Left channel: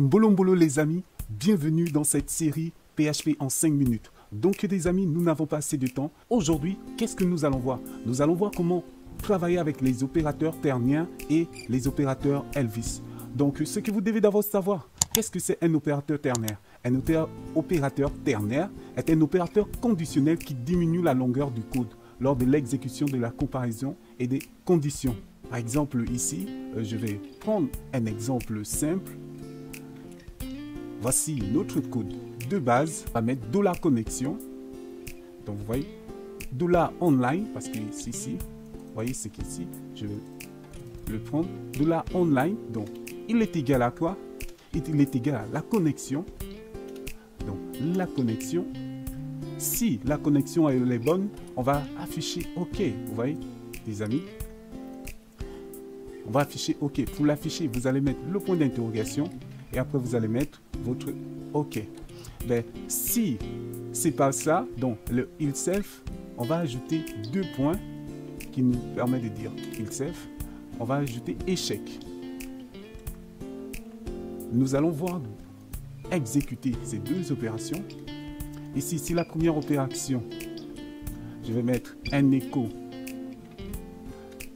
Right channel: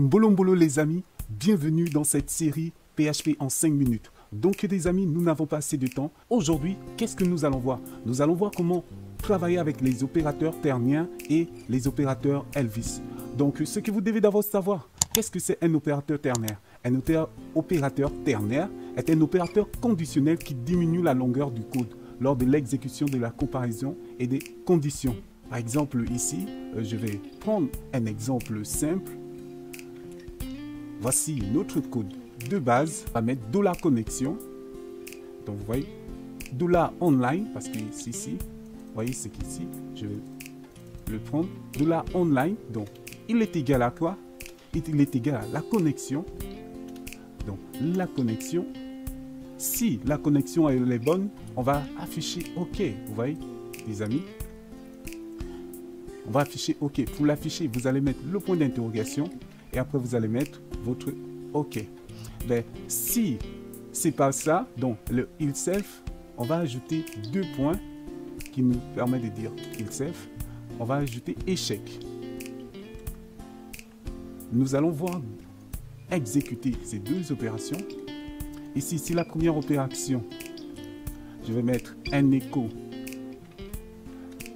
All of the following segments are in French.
Mbolo les amis, bienvenue dans cette série PHP en 5 minutes. Donc les amis, nous n'avons pas assez de temps. Aujourd'hui, qu'est-ce que nous allons voir? Nous allons voir comment travailler avec les opérateurs terniens et les opérateurs Elvis. Donc ce que vous devez d'abord savoir, qu'est-ce que c'est un opérateur ternaire? Un opérateur ternaire est un opérateur conditionnel qui diminue la longueur du code lors de l'exécution de la comparaison et des conditions. Par exemple ici, je vais prendre un exemple simple. Voici notre code de base. On va mettre $connexion. Donc vous voyez, $online, parce que c'est ici. Vous voyez, c'est qu'ici, je vais lui prendre $online. Donc il est égal à quoi? Il est égal à la connexion. Donc la connexion. Si la connexion elle est bonne, on va afficher OK. Vous voyez, les amis. On va afficher OK. Pour l'afficher, vous allez mettre le point d'interrogation et après vous allez mettre votre OK. Donc, si c'est pas ça, donc le itself, on va ajouter deux points qui nous permettent de dire itself. On va ajouter échec. Nous allons voir exécuter ces deux opérations. Ici, c'est la première opération. Je vais mettre un écho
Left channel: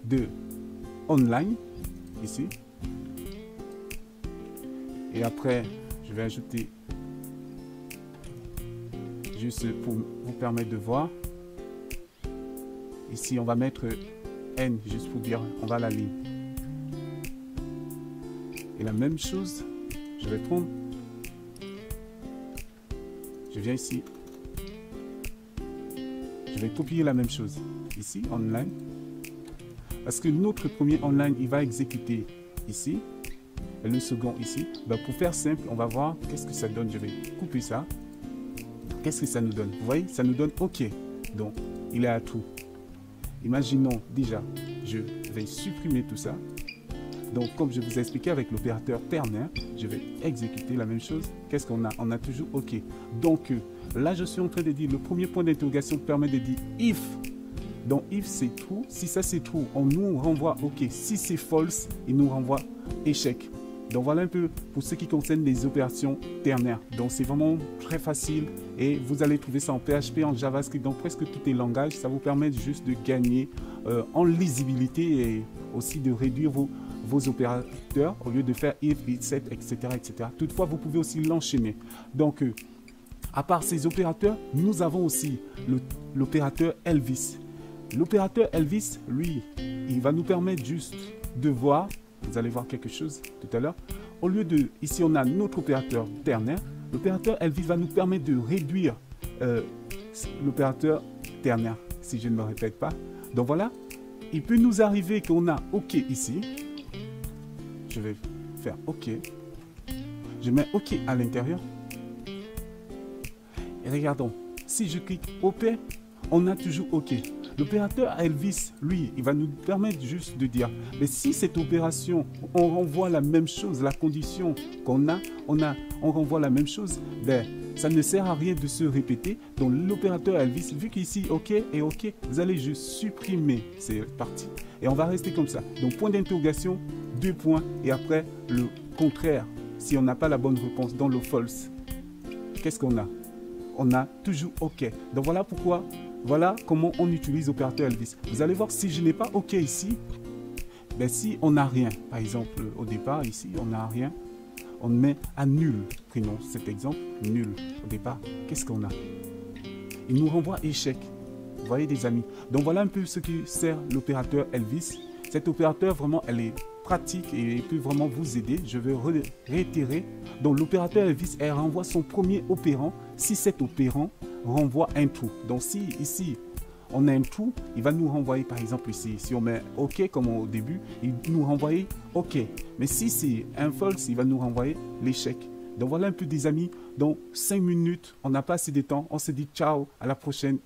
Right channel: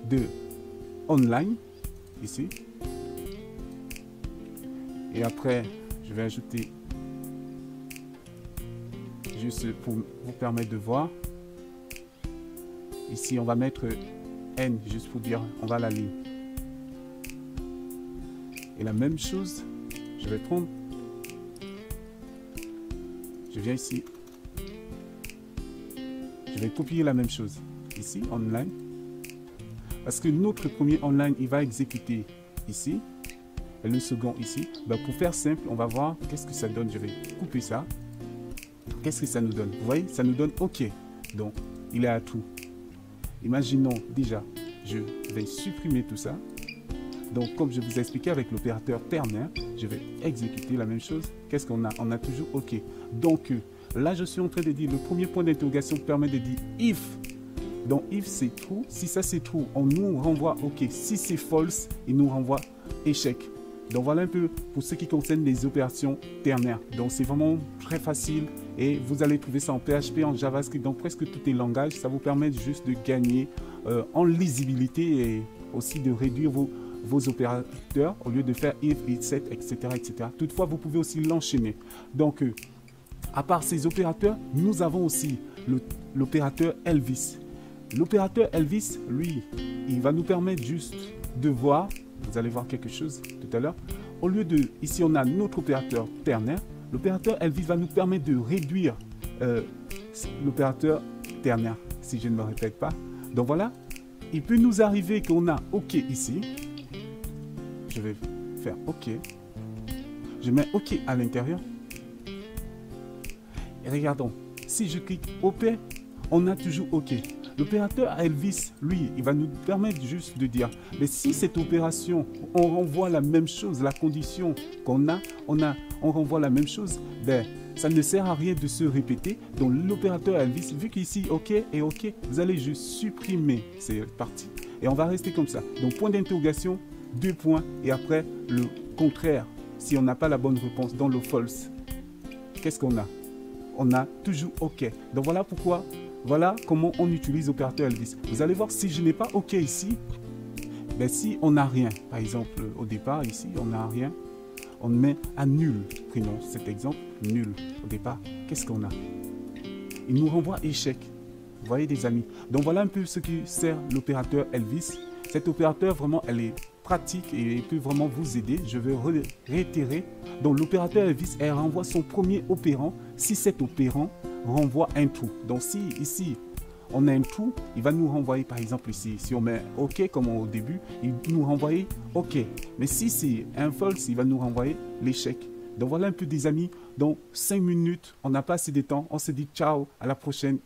de online ici. Et après, je vais ajouter juste pour vous permettre de voir. Ici, on va mettre N juste pour dire on va à la ligne. Et la même chose, je vais prendre. Je viens ici. Je vais copier la même chose ici, online. Parce que notre premier online, il va exécuter ici. Et le second ici. Donc pour faire simple, on va voir qu'est-ce que ça donne. Je vais couper ça. Qu'est-ce que ça nous donne? Vous voyez, ça nous donne OK. Donc, il est à true. Imaginons déjà, je vais supprimer tout ça. Donc, comme je vous ai expliqué avec l'opérateur ternien, je vais exécuter la même chose. Qu'est-ce qu'on a? On a toujours OK. Donc, là, je suis en train de dire, le premier point d'interrogation permet de dire if. Donc, if c'est true. Si ça c'est true, on nous renvoie OK. Si c'est false, il nous renvoie échec. Donc voilà un peu pour ce qui concerne les opérations ternaires. Donc c'est vraiment très facile et vous allez trouver ça en PHP, en JavaScript, dans presque tous les langages. Ça vous permet juste de gagner en lisibilité et aussi de réduire vos opérateurs au lieu de faire if, set, etc., etc. Toutefois, vous pouvez aussi l'enchaîner. Donc à part ces opérateurs, nous avons aussi l'opérateur Elvis. L'opérateur Elvis, lui, il va nous permettre juste de voir. Vous allez voir quelque chose tout à l'heure. Au lieu de, ici on a notre opérateur ternaire. L'opérateur Elvis va nous permettre de réduire l'opérateur ternaire, si je ne me répète pas. Donc voilà, il peut nous arriver qu'on a OK ici. Je vais faire OK. Je mets OK à l'intérieur. Et regardons, si je clique OP, on a toujours OK. L'opérateur Elvis, lui, il va nous permettre juste de dire, mais si cette opération, on renvoie la même chose, la condition qu'on a, on renvoie la même chose, ben, ça ne sert à rien de se répéter. Donc l'opérateur Elvis, vu qu'ici OK et OK, vous allez juste supprimer cette partie et on va rester comme ça. Donc point d'interrogation, deux points et après le contraire. Si on n'a pas la bonne réponse dans le false, qu'est-ce qu'on a? On a toujours OK. Donc voilà pourquoi. Voilà comment on utilise l'opérateur Elvis. Vous allez voir que si je n'ai pas OK ici, ben si on n'a rien, par exemple, au départ, ici, on n'a rien, on met à nul. Prenons cet exemple, nul. Au départ, qu'est-ce qu'on a? Il nous renvoie échec. Vous voyez, les amis. Donc voilà un peu ce qui sert l'opérateur Elvis. Cet opérateur, vraiment, elle est pratique et peut vraiment vous aider. Je vais réitérer. Donc l'opérateur Elvis, elle renvoie son premier opérant si cet opérant renvoie un true. Donc si ici on a un true, il va nous renvoyer par exemple ici, si on met OK comme au début, il nous renvoyer OK. Mais si c'est un false, il va nous renvoyer l'échec. Donc voilà un peu des amis. Donc 6 minutes, on n'a pas assez de temps. On se dit ciao, à la prochaine.